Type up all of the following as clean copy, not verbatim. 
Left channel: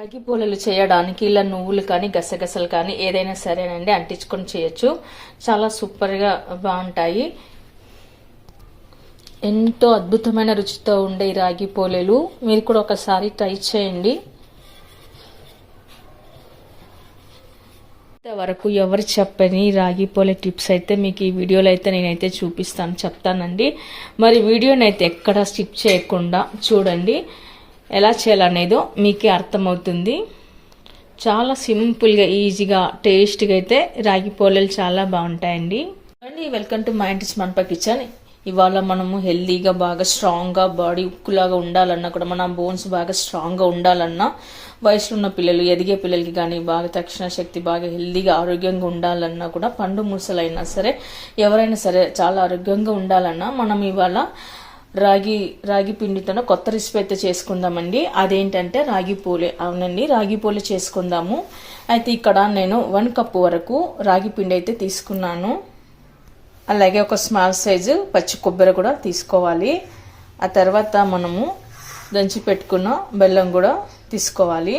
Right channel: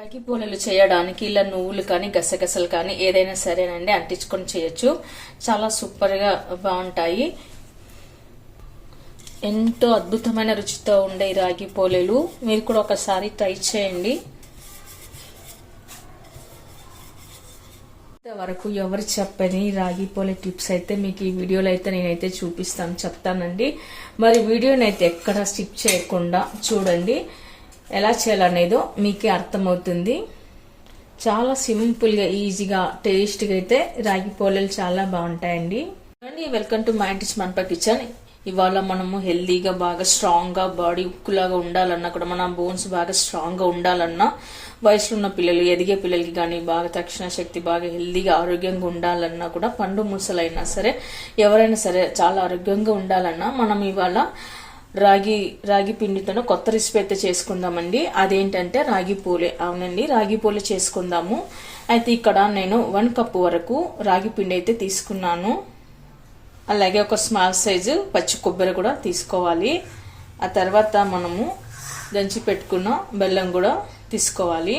రాగి పూలలు చేయడానికి ఇలా నువ్వులు కానీ గసగసలు కానీ ఏదైనా సరేనండి అంటించుకొని చేయొచ్చు. చాలా సూపర్గా బాగుంటాయి. ఎంతో అద్భుతమైన రుచితో ఉండే ఈ రాగి పూలలు మీరు కూడా ఒకసారి ట్రై చేయండి. ఇంతవరకు ఎవరు చెప్పని రాగి పూల టిప్స్ అయితే మీకు ఈ వీడియోలో అయితే నేనైతే చెప్తానండి. మరి వీడియోని అయితే ఎక్కడ స్కిప్ చేయకుండా చూడండి. ఎలా చేయాలనేదో మీకే అర్థమవుతుంది. చాలా సింపుల్గా ఈజీగా టేస్ట్గా అయితే రాగి పూలలు చాలా బాగుంటాయండి. అండి వెల్కమ్ టు మై ఆంటీస్ మనపా కిచెన్. ఇవాళ మనము హెల్దీగా బాగా స్ట్రాంగ్గా బాడీ ఉక్కులాగా ఉండాలన్నా కూడా మన బోన్స్ బాగా స్ట్రాంగ్గా ఉండాలన్నా వయసులో ఉన్న పిల్లలు ఎదిగే పిల్లలకి కానీ బాగా తక్షణ శక్తి బాగా హెల్దీగా ఆరోగ్యంగా ఉండాలన్నా కూడా పండు ముసలైనా సరే ఎవరైనా సరే చాలా ఆరోగ్యంగా ఉండాలన్నా మనం ఇవాళ రాగి పిండితో కొత్త రెసిపీ అయితే చేసుకుందామండి. అదేంటంటే రాగి పూలే. అవునండి, రాగి పూలే చేసుకుందాము. అయితే ఇక్కడ నేను 1 కప్పు వరకు రాగి పిండి అయితే తీసుకున్నాను. అలాగే ఒక స్మాల్ సైజు పచ్చి కొబ్బరి కూడా తీసుకోవాలి. ఆ తర్వాత మనము దంచి పెట్టుకున్న బెల్లం కూడా తీసుకోవాలి.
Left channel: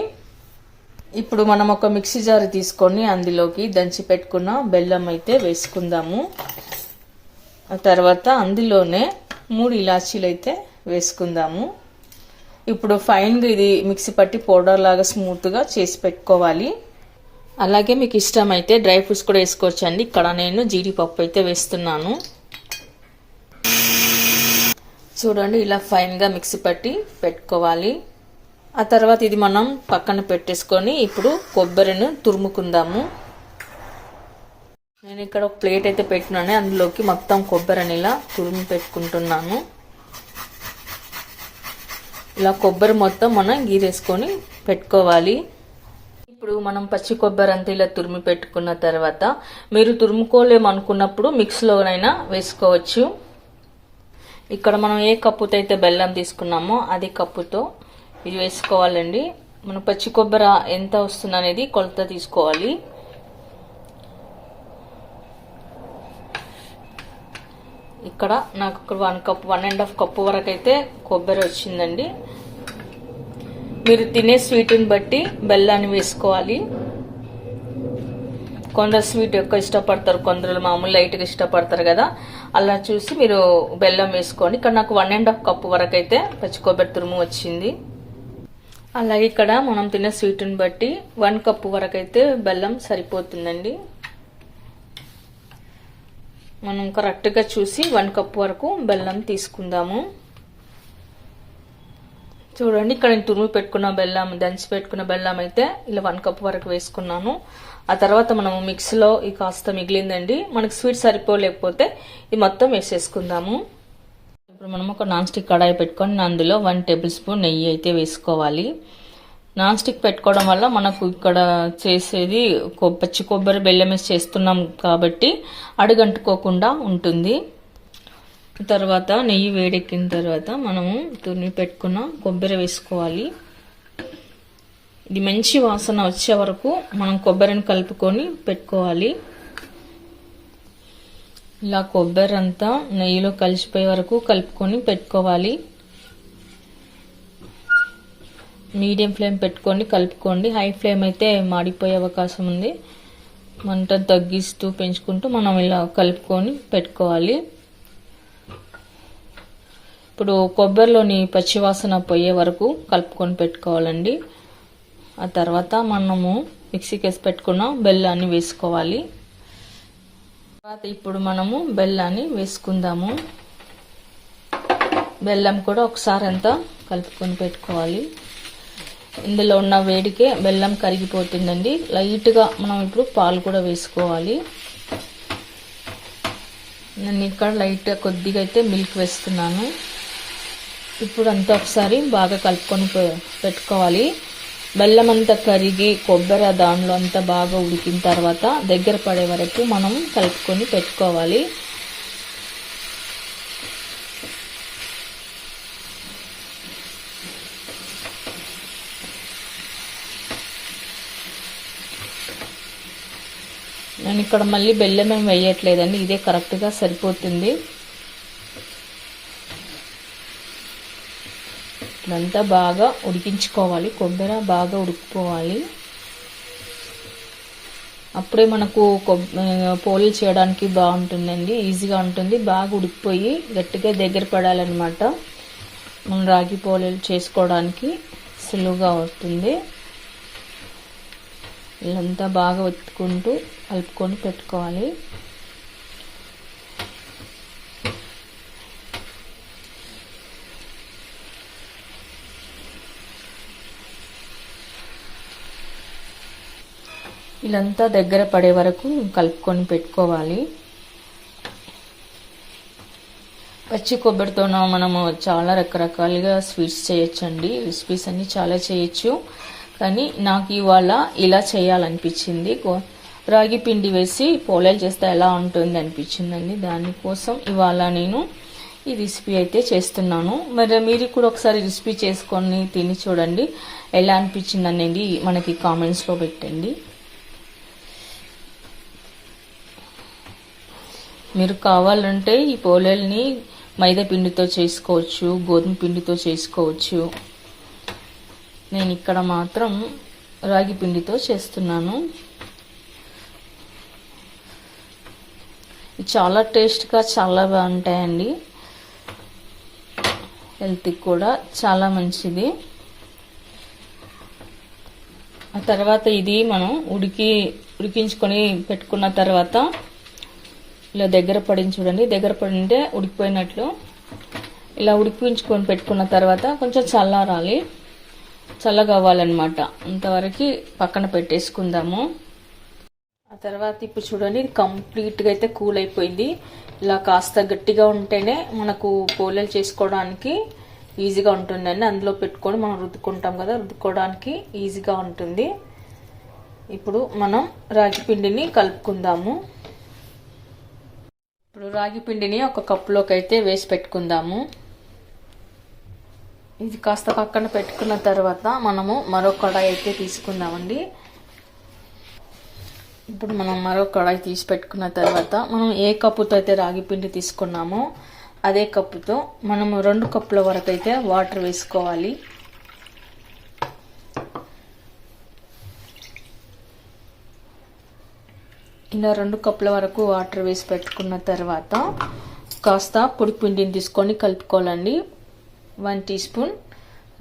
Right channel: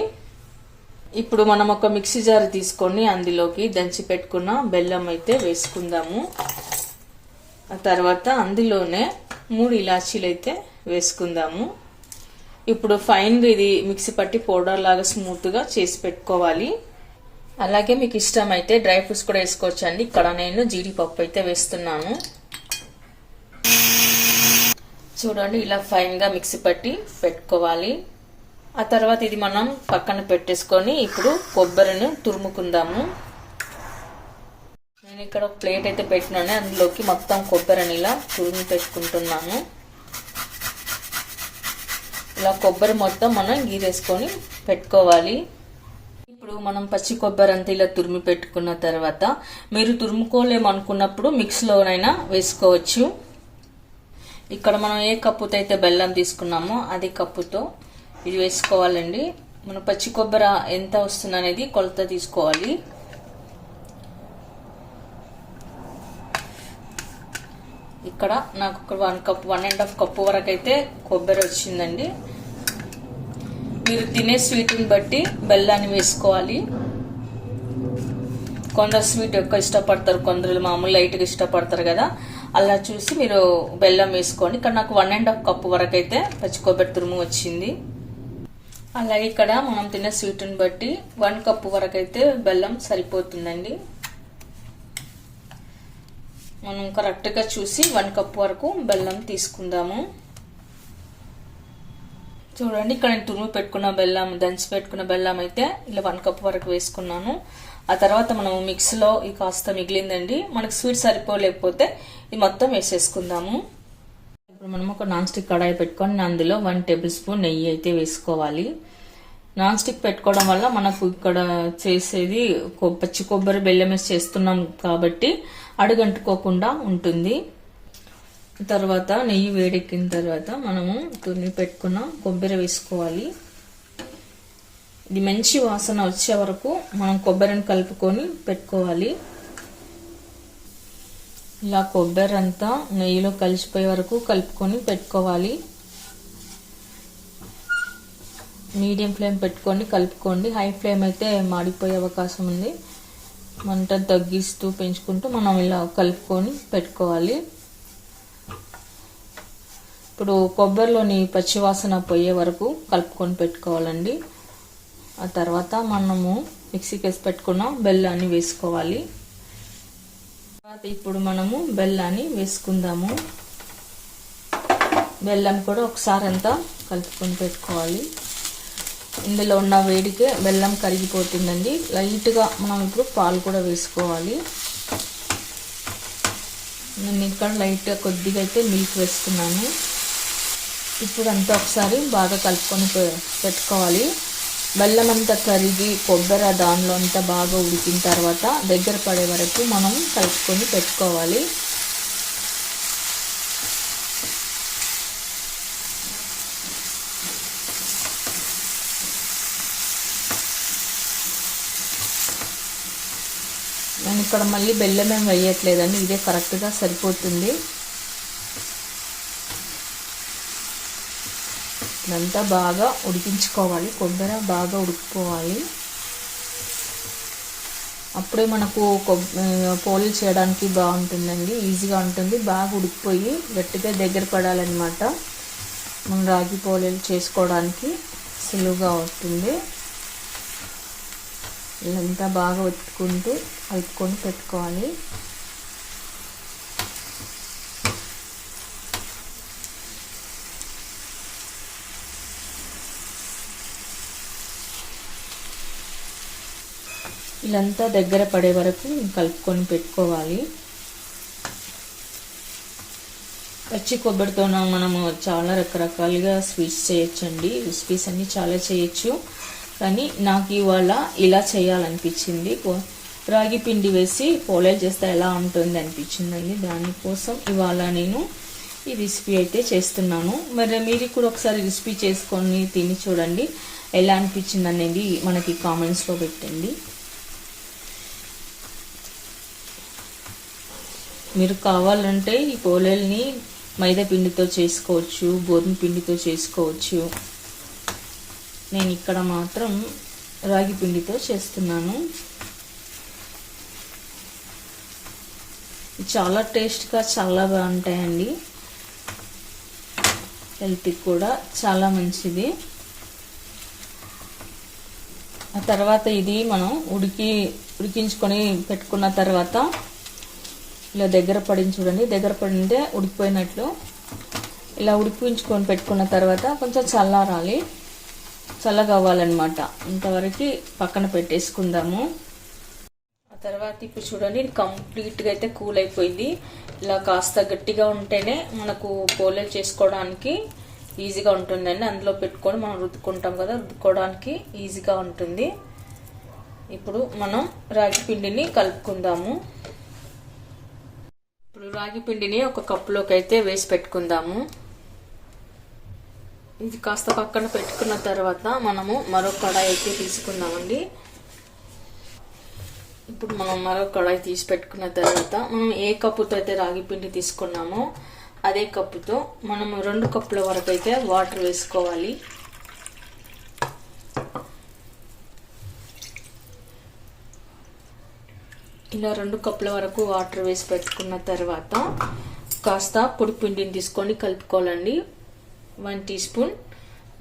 ఇప్పుడు మనం ఒక మిక్సీ జార్ తీసుకొని అందులోకి దంచి పెట్టుకున్న బెల్లం అయితే వేసుకుందాము. ఆ తర్వాత అందులోనే 3 ఇలాచీలు అయితే వేసుకుందాము. ఇప్పుడు ఫైన్గా ఇది మిక్సీ పట్టి పౌడర్ లాగా స్మూత్గా చేసి పెట్టుకోవాలి. అలాగే మీకు ఇష్టమైతే డ్రై ఫ్రూట్స్ కూడా వేసుకోవచ్చండి. ఇక్కడ నేను జీడిపప్పు అయితే వేస్తున్నాను. చూడండి, ఇలా ఫైన్గా మిక్సీ పట్టి పెట్టుకోవాలి. ఆ తర్వాత ఇది మనం పక్కన పెట్టేసుకొని ఇప్పుడు కొబ్బరిని తురుముకుందాము. నేను ఇక్కడ ఒక ప్లేట్ అయితే పెట్టినాను. అందులోకి మొత్తం కొబ్బరిని ఇలా తురిమి పెట్టుకుంటున్నాను. ఇలా కొబ్బరి మొత్తం మనం గీరేసుకొని పెట్టుకోవాలి. ఇప్పుడు మనం పచ్చి కొబ్బరి అంతా ఇలా తురిమి పెట్టుకున్న తర్వాత మీరు తురుముకోలేమనుకున్నప్పుడు మిక్స్లోనైనా వేసుకోవచ్చు. ఇక్కడ మనం ఏ కప్పుతో అయితే బెల్లం తీసుకున్నామో అదే కప్పుతో ఇది వేసుకోవాలండి. మన పచ్చి కొబ్బరి ఎంత వస్తుంది అనేది కొలత తీసుకోవాలి. ఇక్కడ నాకు 1.5 కప్పు వరకు అయితే కొబ్బరి వచ్చిందండి. మీరు తినే స్వీట్ని బట్టి బెల్లాన్ని వేసుకోవాలి. కొందరు స్వీట్ ఎక్కువ ఇష్టపడతారు, కొందరు మామూలు లైట్గా ఇష్టపడతారు కదా. అలా చూసి మీరు బెల్లం వేసుకోండి. ఇక్కడ నాకు 1.5 కప్పు వరకు అయితే పచ్చి కొబ్బరి తురుము వచ్చింది. అలాగే ఇక్కడ మనం తినే స్వీట్ని బట్టి 1 కప్పు వరకు అయితే బెల్లం సరిపోతుందండి. మనం కరెక్ట్గా చూసి 1 కప్పు వరకు బెల్లం తీసుకుందాము. చూడండి, ఇక్కడ నేను తురిమి పెట్టుకున్న బెల్లం, దంచి పెట్టుకున్న బెల్లం అయితే ఇలా 1 కప్పు వరకు వేసుకున్నాను. ఆ తర్వాత మనము మిక్సీలో ఈ కాస్త మిగిలిందండి. మనకు స్వీట్ సరిపోలేకపోతే ఇది మొత్తం వేసేసుకుందాము. ఇప్పుడు మనం ఒక నాన్ స్టిక్ కడాయి పెట్టుకొని అందులో 1 టేబుల్ స్పూన్ నెయ్యి అయితే వేసుకోవాలి. నాన్ స్టిక్ పెట్టుకోవడం వల్ల మనకు ఇక్కడ చేసేది పచ్చి కొబ్బరి బెల్లం వేసి చేస్తున్నాం కాబట్టి అడుగంటుకోకుండా ఉంటుంది. తర్వాత నెయ్యి వేడెక్కిన తర్వాత మనము తురిమి పెట్టుకున్న కొబ్బరి వేసుకోవాలి. ఇది మంచి వాసన వచ్చే వరకు మనం కొబ్బరిని కలుపుకొని పెట్టుకోవాలి. ఇలా కొబ్బరి అంతా నెయ్యిలో కలిసిపోయే వరకు కలుపుకొని పెట్టుకోవాలి. మీడియం ఫ్లేమ్ పెట్టుకొని కలుపుకోండి. హై ఫ్లేమ్ అయితే మాడిపోయే అవకాశం ఉంది. మంట తగ్గిస్తూ పెంచుకుంటూ మనం ఇలా కలుపుకొని పెట్టుకోవాలి. ఇప్పుడు కొబ్బరిలోని పచ్చివాసన పోయే వరకు కలుపుకొని పెట్టుకోవాలండి. ఆ తర్వాత మనము మిక్సీకి వేసి పెట్టుకున్న బెల్లాన్ని వేసుకోవాలి. తర్వాత ఇప్పుడు మనము బెల్లాన్ని వేసుకుందాము. బెల్లం కూడా ఒకసారి అంతా కలుపుకొని పెట్టుకోవాలి. ఇందులో ఉన్న వేడికే బెల్లం కరిగిపోతుందండి. లైట్గా మనం ఇప్పుడు పాలు కూడా వేసుకోవాలి. నేను ఇక్కడ లైట్గా కొద్దిగా అయితే మిల్క్ వేసుకున్నాను. ఇప్పుడు అంతా ఒకసారి బాగా కలుపుకొని పెట్టుకోవాలి. బెల్లం అంతా కరిగి కొబ్బరి దానిలో అంతా బాగా ఉడికిన తర్వాత దగ్గర పడే వరకు మనం కలుపుకొని పెట్టుకోవాలి. నేను ఇక్కడ మళ్ళీ బెల్లం ఏం వేయట్లేదండి, ఇదే కరెక్ట్గా సరిపోతుంది. ఇదంతా బాగా ఉడికించుకోవాలి. కొబ్బరి బాగా ఉడికిపోవాలి. అప్పుడే మనకు పోలీలు చేయడానికి బాగుంటుందండి, ఈజీగా ఉంటుంది. బాగా ఉడికిపోయి గట్టిగా దగ్గర పడాలన్నమాట. మనం రాగి పోలీలు చేసుకోవడానికి సులువుగా అవుతుంది. ఇదంతా బాగా ఒత్తుకుంటూ కలుపుకొని పెట్టుకోవాలి. ఇదంతా దగ్గర పడే వరకు కలుపుకొని పెట్టుకోవాలి. పచ్చి కొబ్బరితో మనము చాలా రకరకాలుగా స్వీట్స్ చేయొచ్చండి. రెసిపీస్ అన్నీ చాలా చేయొచ్చు, కానీ నాకు ఇవాళ ఇలా చేయాలనిపించింది. రాగి పిండి వేసి పోలేలు చేస్తే ఎలా ఉంటుంది అనిపించిందండి. దానికోసం ఇవాళ నేను ఈ రెసిపీ అయితే చేస్తున్నాను. మరి మీరు కూడా ఒకసారి రెసిపీ చేసుకొని తిని చూడండి, ఎలా అనిపించింది అనేది మనకి కామెంట్స్లో పెట్టండి. మీరు కావాలంటే ఈ పోలేల్ని మైదా పిండితో చేసుకోవచ్చు, గోధుమ పిండితో చేసుకోవచ్చు. నేను ఇక్కడ మాత్రం రాగి పిండితో చేస్తున్నాను. చాలా టేస్ట్గా చాలా బాగుంటాయండి. హెల్త్కి కూడా చాలా మంచిది. ఆ తర్వాత ఇది మనం ఉడికించుకొని పెట్టుకున్న తర్వాత ఇలా దగ్గర పడింది చూడండి. దగ్గర పడింటే ఉడికిపోయినట్లు. ఇలా ఉడికించుకొని పెట్టుకున్న తర్వాత కొంచెం చల్లారాలి, చల్లగా అవ్వాలన్నమాట. ఇంతవరకు పక్కన పెట్టేసుకుందాము. ఆ తర్వాత ఇప్పుడు చూడండి, ఇది కంప్లీట్గా అయితే కూల్ అయిపోయింది. ఇలా కాస్త గట్టిగా ఉంటేనే మనకు పోలేలు చేసుకోవడానికి ఈజీగా ఉంటుందండి. అందులో పెట్టుకొని మనం రుద్దుకుంటాం కదా, రుద్దుకోవడానికి ఈజీగా ఉంటుంది. ఇప్పుడు మనం రాగి పిండిని కలుపుకుందాము. ఇప్పుడు రాగి పిండిని ఒక కప్పులోకి అయితే వేసి పెట్టుకుందాము. ఇది కాస్త పక్కన పెట్టుకున్న తర్వాత మనము మరో కడాయి అయితే తీసుకుందామండి. ఇప్పుడు మనం మరో కడాయి తీసి పెట్టుకున్న తర్వాత మనం ఏ కప్పుతో అయితే రాగి పిండి తీసుకున్నామో అదే కప్పుతో మనము 2 కప్పుల వరకు అయితే వాటర్ వేసుకోవాలి. ఇలా 2 కప్పుల వరకు వాటర్ వేసి పెట్టుకున్న తర్వాత కాస్త పొడి పిండిని తీసుకొని కలుపుకోవాలండి. 1 టీ స్పూన్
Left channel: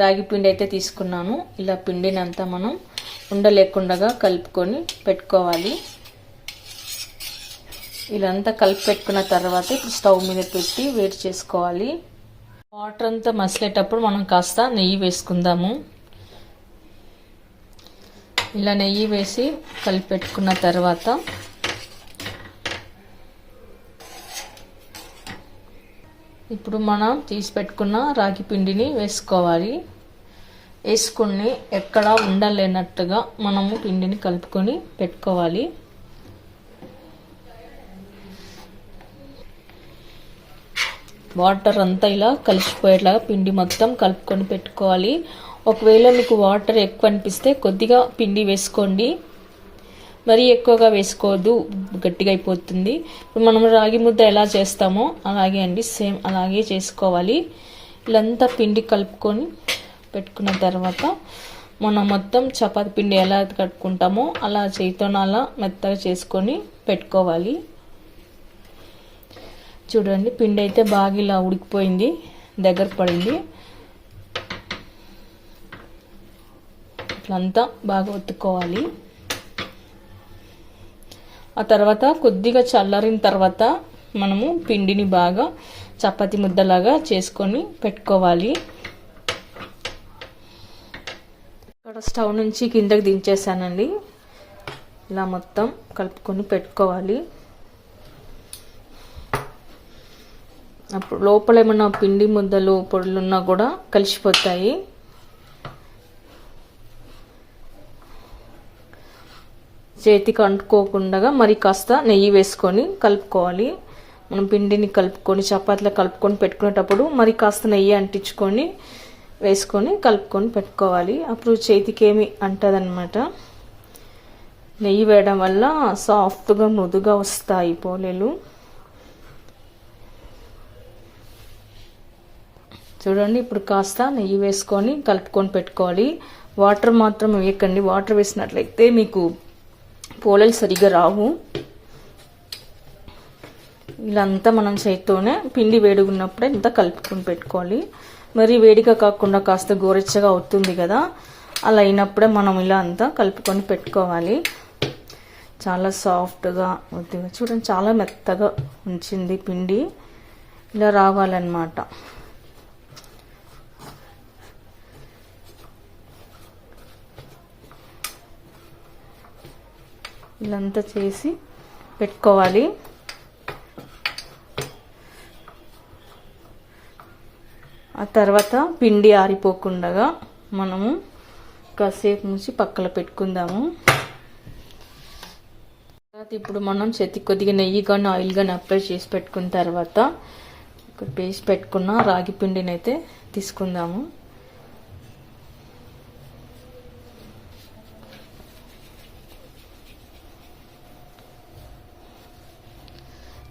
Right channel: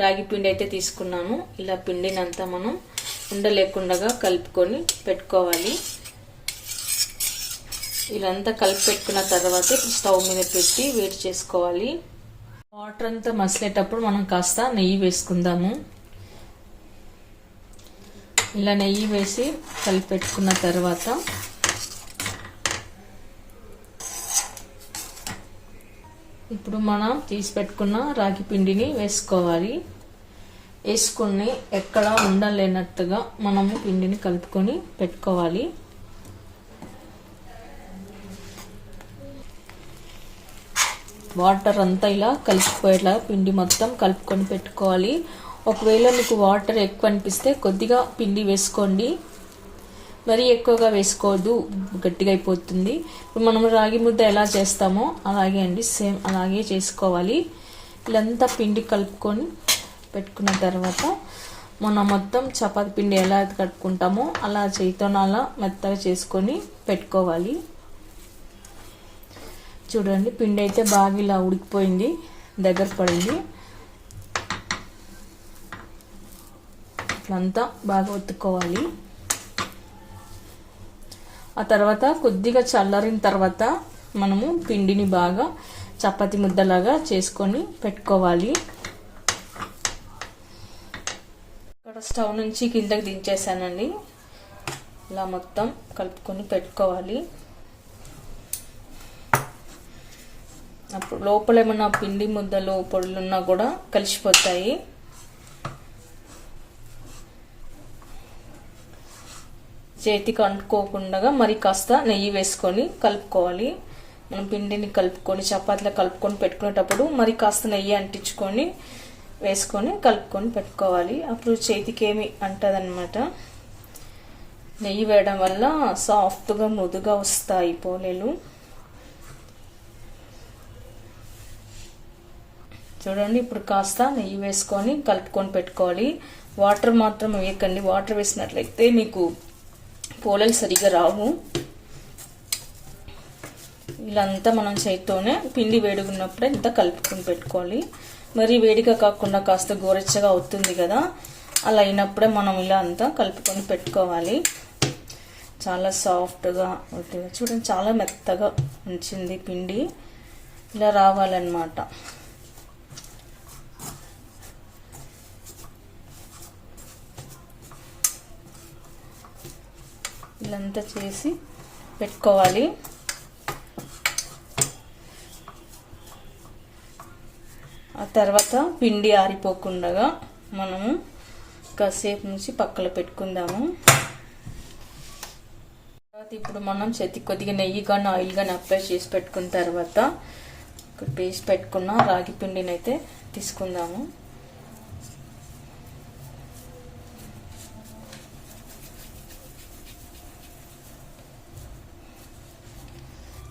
రాగి పిండి అయితే తీసుకున్నాను. ఇలా పిండిని అంతా మనం ఉండలేకుండా కలుపుకొని పెట్టుకోవాలి. ఇదంతా కలిపి పెట్టుకున్న తర్వాత ఇప్పుడు స్టవ్ మీద పెట్టి వేడి చేసుకోవాలి. వాటర్ అంతా మసిలేటప్పుడు మనం కాస్త నెయ్యి వేసుకుందాము. ఇలా నెయ్యి వేసి కలిపి పెట్టుకున్న తర్వాత ఇప్పుడు మనం తీసి పెట్టుకున్న రాగి పిండిని వేసుకోవాలి. వేసుకుని ఎక్కడ ఉండలేనట్టుగా మనము పిండిని కలుపుకొని పెట్టుకోవాలి. వాటర్ అంతా ఇలా కలిసిపోయేలా పిండి మొత్తం కలుపుకొని పెట్టుకోవాలి. ఒకవేళ మీకు వాటర్ ఎక్కువ అనిపిస్తే కొద్దిగా పిండి వేసుకోండి, మరీ ఎక్కువగా వేసుకోవద్దు, గట్టిగా అయిపోతుంది. ఇప్పుడు మనం రాగి ముద్ద ఎలా చేస్తామో అలాగే అండి, సేమ్ అలాగే చేసుకోవాలి. ఇలాంతా పిండి కలుపుకొని పెట్టుకున్న తర్వాత మనం మొత్తం చపాతీ పిండి ఎలా కట్టుకుంటామో అలా చేతితో అలా మెత్తగా చేసుకొని పెట్టుకోవాలి. చూడండి, పిండి అయితే బాగా ఇలా ఉడికిపోయింది, దగ్గర పడింది. ఇట్లంతా బాగా ఒత్తుకోవాలి. ఆ తర్వాత కొద్దిగా చల్లారిన తర్వాత మనము పిండిని బాగా చపాతీ ముద్దలాగా చేసుకొని పెట్టుకోవాలి. ఇక్కడ స్టవ్ నుంచి కిందకి దించేసానండి. ఇలా మొత్తం కలుపుకొని పెట్టుకోవాలి. అప్పుడు లోపల ఏమైనా పిండి ముద్దలు పొడులు ఉన్నా కూడా కలిసిపోతాయి. చేతికి అంటుకోకుండా మరి కాస్త నెయ్యి వేసుకొని కలుపుకోవాలి. మనం పిండిని కలుపుకొని చపాతీలో కలుపుకొని పెట్టుకునేటప్పుడు మరి కాస్త నెయ్యి అంటించుకొని వేసుకొని కలుపుకొని పెట్టుకోవాలి. అప్పుడు చేతికి ఏమి అంటదన్నమాట. నెయ్యి వేయడం వల్ల సాఫ్ట్గా మృదుగా వస్తాయి పోలేలు. చూడండి, ఇప్పుడు కాస్త నెయ్యి వేసుకొని కలుపుకొని పెట్టుకోవాలి. వాటర్ మాత్రం వేయకండి. వాటర్ వేసినట్లయితే మీకు పోలేలు సరిగ్గా రావు. ఇలా అంతా మనం చేతితోనే పిండి వేడిగున్నప్పుడే ఇంత కలుపుకొని పెట్టుకోవాలి. మరి వేడిగా కాకుండా కాస్త గోరెచ్చగా అవుతుంది కదా, అలా అయినప్పుడే మనం ఇలా అంతా కలుపుకొని పెట్టుకోవాలి. చాలా సాఫ్ట్గా అవుతుంది. చూడండి, చాలా మెత్తగా ఉంచింది పిండి. ఇలా రావాలన్నమాట. ఇలాంతా చేసి పెట్టుకోవాలి. ఆ తర్వాత పిండి ఆరిపోకుండా మనము కాసేపు నుంచి పక్కన పెట్టుకుందాము. ఇప్పుడు మనం చేతికి కొద్దిగా నెయ్యి కానీ ఆయిల్ కానీ అప్లై చేసి పెట్టుకున్న తర్వాత ఒక పేస్ట్ పెట్టుకున్న రాగి పిండిని అయితే తీసుకుందాము.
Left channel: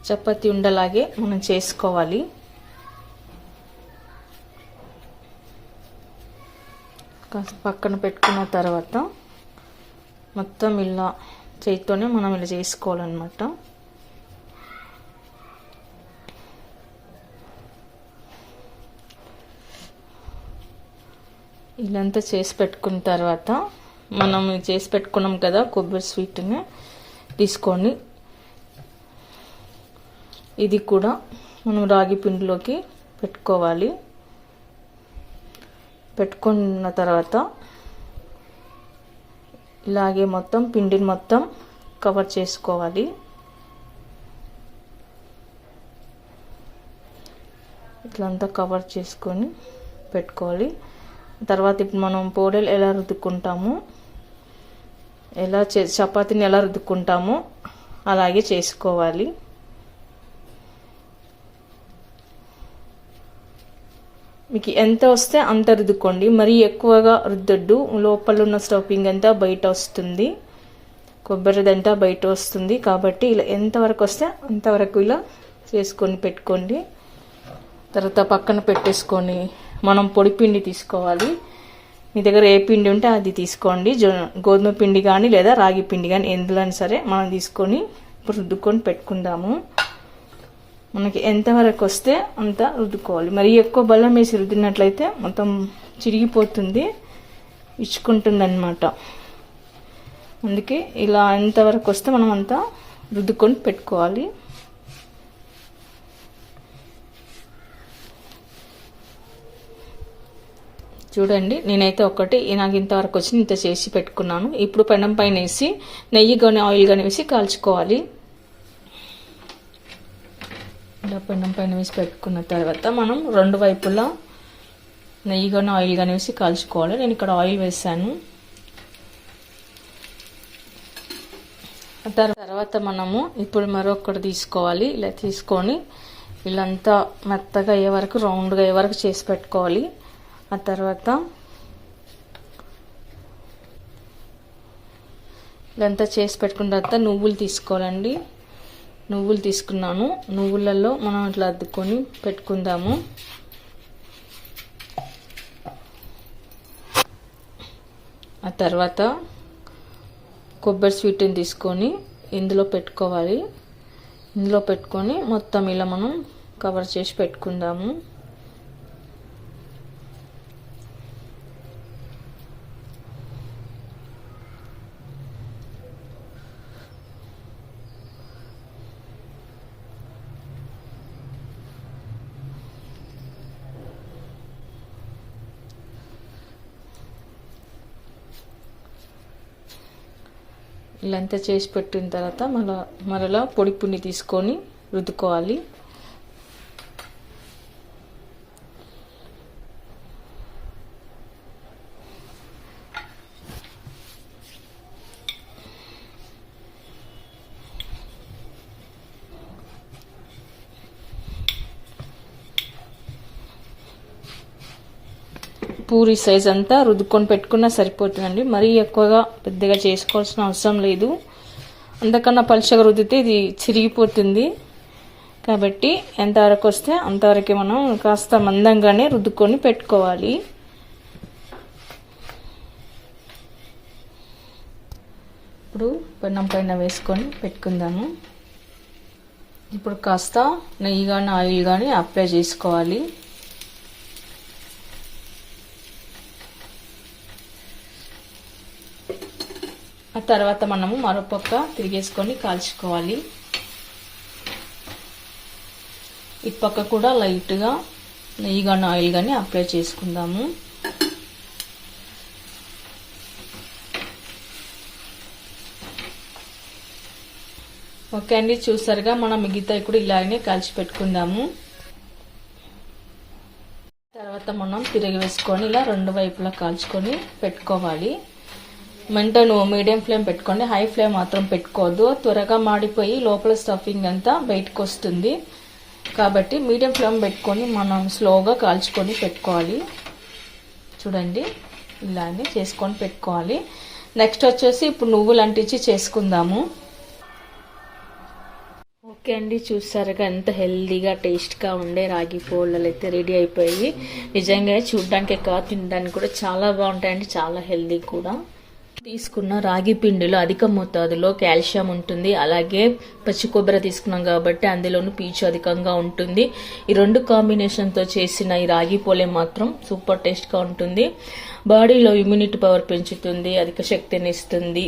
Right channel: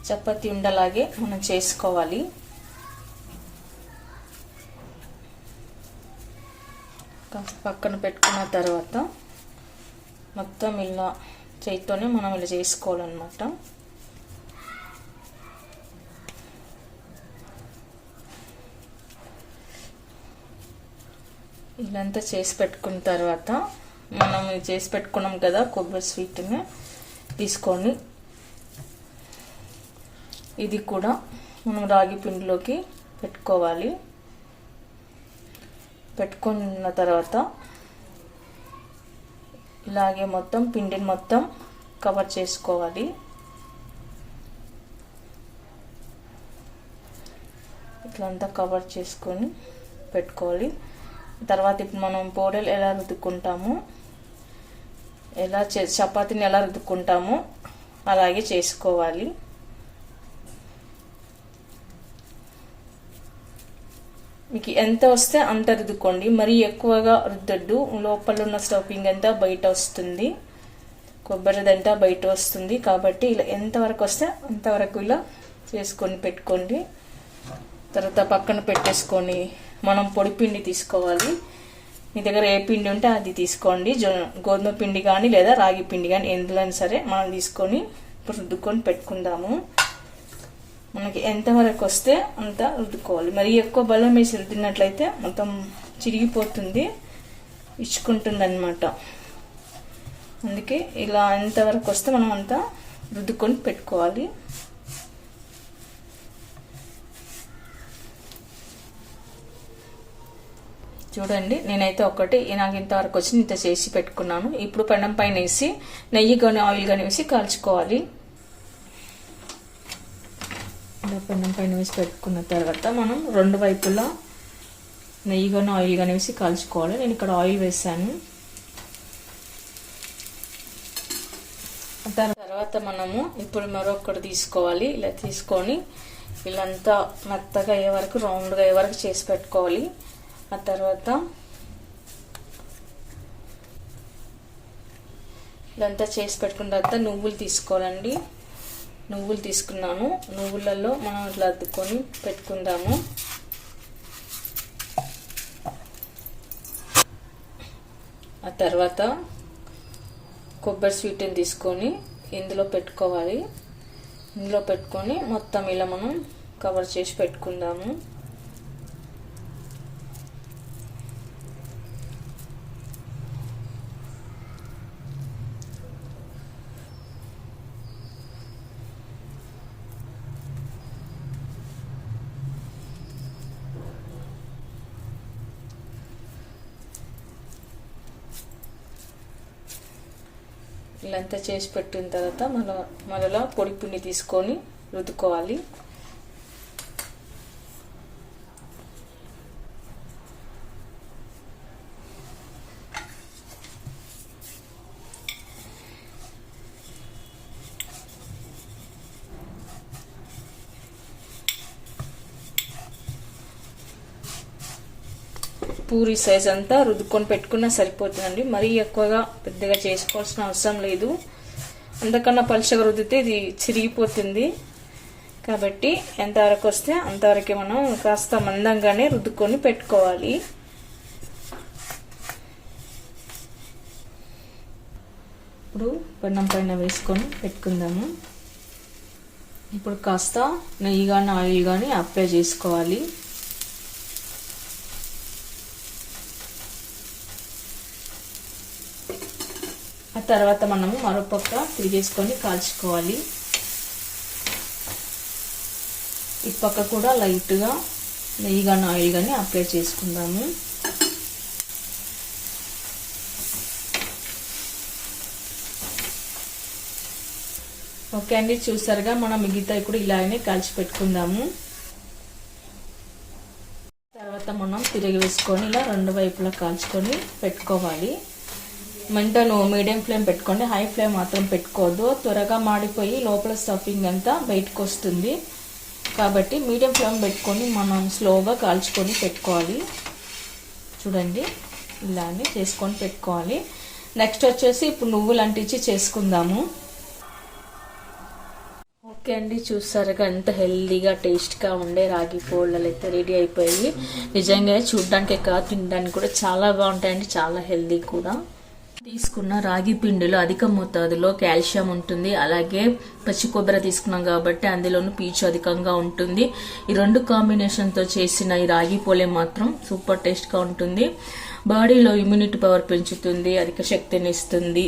చపాతీ ఉండలాగే మనం చేసుకోవాలి. పక్కన పెట్టుకున్న తర్వాత మొత్తం ఇలా చేతితోనే మనం ఇలా చేసుకోవాలన్నమాట. ఇదంతా చేసి పెట్టుకున్న తర్వాత మనం చేసి పెట్టుకున్నాం కదా కొబ్బరి స్వీట్ని తీసుకొని ఇది కూడా మనం రాగి పిండిలోకి పెట్టుకోవాలి. పెట్టుకున్న తర్వాత ఇలాగే మొత్తం పిండిని మొత్తం కవర్ చేసుకోవాలి. ఇట్లంతా కవర్ చేసుకొని పెట్టుకోవాలి. తర్వాత ఇప్పుడు మనం పోలేలు ఎలా రుద్దుకుంటాము, చపాతీని ఎలా రుద్దుకుంటామో అలాగే చేసుకోవాలి. మీకు ఎంత వస్తే అంత రుద్దుకోండి. మరీ ఎక్కువగా రుద్దొద్దు. లోపల ఉన్న స్టఫింగ్ అంతా బయట వస్తుంది, కొబ్బరిదంతా బయట వస్తుంది. కాబట్టి ఇలా ఎంతవరకు వస్తే అంతవరకు ఇలా చేసుకొని పెట్టుకోండి. తర్వాత పక్కన పెట్టేసుకొని మనం పొడి పిండి తీసుకోవాలి. మీ దగ్గర ఏ పిండి ఉంటే అది తీసుకోండి. గోధుమ పిండి కానీ లేదా రాగి పిండి కానీ ఎందులో సరే మనం తీసుకొని ఇప్పుడు రుద్దుకొని పెట్టుకుందాము. మనకి ఎంతవరకు వస్తే అంత రుద్దుకోవాలి. మరి ఎక్కువ బెల్లం వేసి రుద్దినట్లయితే మొత్తం చిరిగిపోతుంది, ఇచ్చుకుంటుంది అన్నమాట. అందుకే ఇలా ఎంతవరకు వస్తే మనం అంతా రుద్దుకొని పెట్టుకోవాలి. చూడండి, నేనైతే నాకు ఇంతవరకు వచ్చి ఇంత చేసి పెట్టుకున్నాను. ఇప్పుడు పెనం పైన వేసి నెయ్యి కానీ ఆయిల్ కానీ వేసి కాల్చుకోవాలి. పెనం పైన వేసి పెట్టుకున్న తర్వాత మనం రెండు వైపులా నెయ్యి కానీ ఆయిల్ కానీ వేసి కాల్చుకోవాలి. నేను ఇక్కడ ఆయిల్ వేసాను. తర్వాత మనము ఇప్పుడు మరొకటి తీసుకోవాలి. ఇలా తీసుకొని ఇలాంతా మెత్తగా అయ్యే వరకు రౌండ్గా అయ్యే వరకు చేసి పెట్టుకోవాలి. ఆ తర్వాత ఇదంతా చేసి పెట్టుకున్న తర్వాత నువ్వులు తీసుకోవాలండి. నువ్వులు తీసుకున్నాను. నువ్వులలో మనం అట్లా అద్దుకొని పెట్టుకుందాము. ఆ తర్వాత కొబ్బరి స్వీట్ని తీసుకొని ఇందులో పెట్టుకోవాలి. ఇందులో పెట్టుకొని మొత్తం ఇలా మనం కవర్ చేసి పెట్టుకుందాము. ఇలా అంతా చేసి పెట్టిన తర్వాత మరలా పొడి పిండి తీసుకొని రుద్దుకోవాలి. పూరి సైజ్ అంతా రుద్దుకొని పెట్టుకున్నా సరిపోతుందండి. మరీ ఎక్కువగా పెద్దగా చేసుకోవాల్సిన అవసరం లేదు. అంతకన్నా పలుచగా రుద్దితే ఇది చిరిగిపోతుంది. కాబట్టి ఎంతవరకు వస్తే అంతవరకు మనం కాస్త మందంగానే రుద్దుకొని పెట్టుకోవాలి. ఇప్పుడు పెన్నం పైన వేసుకొని పెట్టుకుందాము. ఇప్పుడు కాస్త నెయ్యి కానీ ఆయిల్ కానీ అప్లై చేసుకోవాలి. ఆ తర్వాత మనము మరోపక్క తిరిగేసుకొని కాల్చుకోవాలి. ఈ పక్క కూడా లైట్గా నెయ్యి కానీ ఆయిల్ కానీ అప్లై చేసుకుందాము. ఓకే అండి, చూసారుగా మనం మిగతా కూడా ఇలాగనే కాల్చి పెట్టుకుందాము. తర్వాత మనం తిరిగి వేసుకొని ఇలా రెండు వైపులా కాల్చుకొని పెట్టుకోవాలి. మంటను మీడియం ఫ్లేమ్ పెట్టుకోండి, హై ఫ్లేమ్ మాత్రం పెట్టుకోవద్దు. త్వరగా మాడిపోయి లోపల స్టఫింగ్ అంతా బయటకు వస్తుంది. కాబట్టి మీడియం ఫ్లేమ్ పెట్టుకొని మనం స్లోగా కాల్చుకొని పెట్టుకోవాలి. చూడండి, ఇలానే చేసుకొని పెట్టుకోవాలి. నెక్స్ట్ వచ్చేసి ఇప్పుడు నువ్వులు అంటించి చేసుకుందాము. ఓకే అండి, చూసారుగా ఎంత హెల్దీగా టేస్ట్గా ఉండే రాగి పోళ్ళలు అయితే రెడీ అయిపోయి. నిజంగా చూడడానికి కాదు, తినడానికి కూడా చాలా బాగుంటాయండి, చాలా హెల్దీ కూడా. తీసుకున్న రాగి పిండిలో అధిక మోతాదులో కాల్షియం ఉంటుంది. అలాగే పచ్చి కొబ్బరి తీసుకున్నాం కాబట్టి అందులోనూ పీచు అధికంగా ఉంటుంది. ఈ రెండు కాంబినేషన్తో చేసిన ఈ రాగి పోలే మాత్రం సూపర్ టేస్ట్గా ఉంటుంది. బాడీలో ఇమ్యూనిటీ పవర్ పెంచుతుంది, అధిక శక్తిని ఇస్తుంది,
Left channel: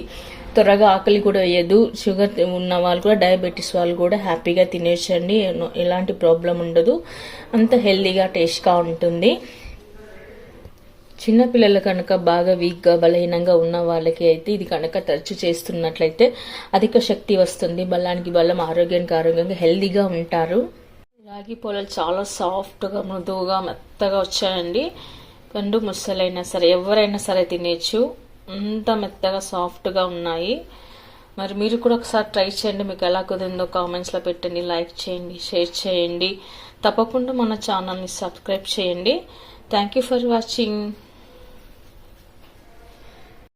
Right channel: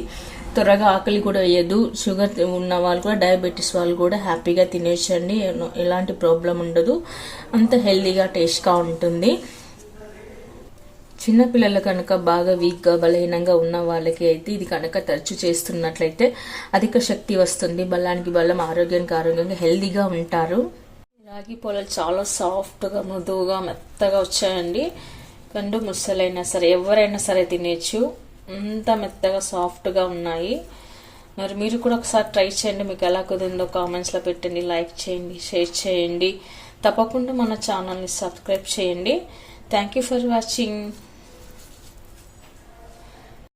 త్వరగా ఆకలి కూడా వేయదు. షుగర్ ఉన్న వాళ్ళు కూడా, డయాబెటీస్ వాళ్ళు కూడా హ్యాపీగా తినేసండి, ఎలాంటి ప్రాబ్లం ఉండదు. అంత హెల్దీగా టేస్ట్గా ఉంటుంది. చిన్నపిల్లలు కనుక బాగా వీక్గా బలహీనంగా ఉన్న వాళ్ళకి అయితే ఇది కనుక తరచు చేస్తున్నట్లయితే అధిక శక్తి వస్తుంది, బలానికి బలం, ఆరోగ్యానికి ఆరోగ్యంగా హెల్దీగా ఉంటారు. రాగి పొలాలు చాలా సాఫ్ట్గా, మృదువుగా, మెత్తగా వచ్చాయండి. కండు ముసలైనా సరే ఎవరైనా సరే తినేచ్చు, అంత మెత్తగా సాఫ్ట్గా ఉన్నాయి. మరి మీరు కూడా ఒకసారి ట్రై చేయండి. మీకు ఎలా కుదిరిందో కామెంట్స్లో పెట్టండి, లైక్ చేయండి, షేర్ చేయండి. తప్పకుండా మన ఛానల్ని సబ్స్క్రైబ్ చేయండి. Thank you for watching.